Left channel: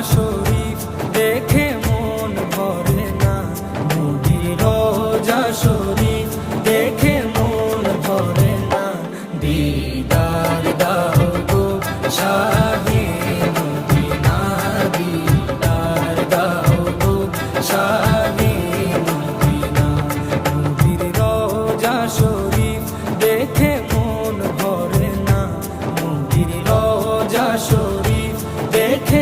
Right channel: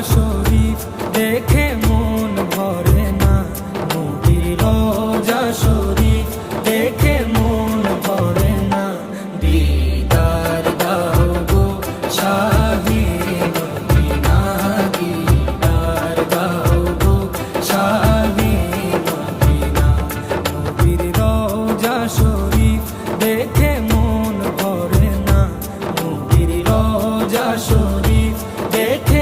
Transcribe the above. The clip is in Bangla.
শরীফ দেখে মন ভরে না, নবীর রোজা শরীফ দেখে মন ভরে না। দিদার দাও গো শাহে মদিনা, দিদার দাও গো শাহে মদিনা। নবীর রোজা শরীফ দেখে মন ভরে না, নবীর রোজা শরীফ দেখে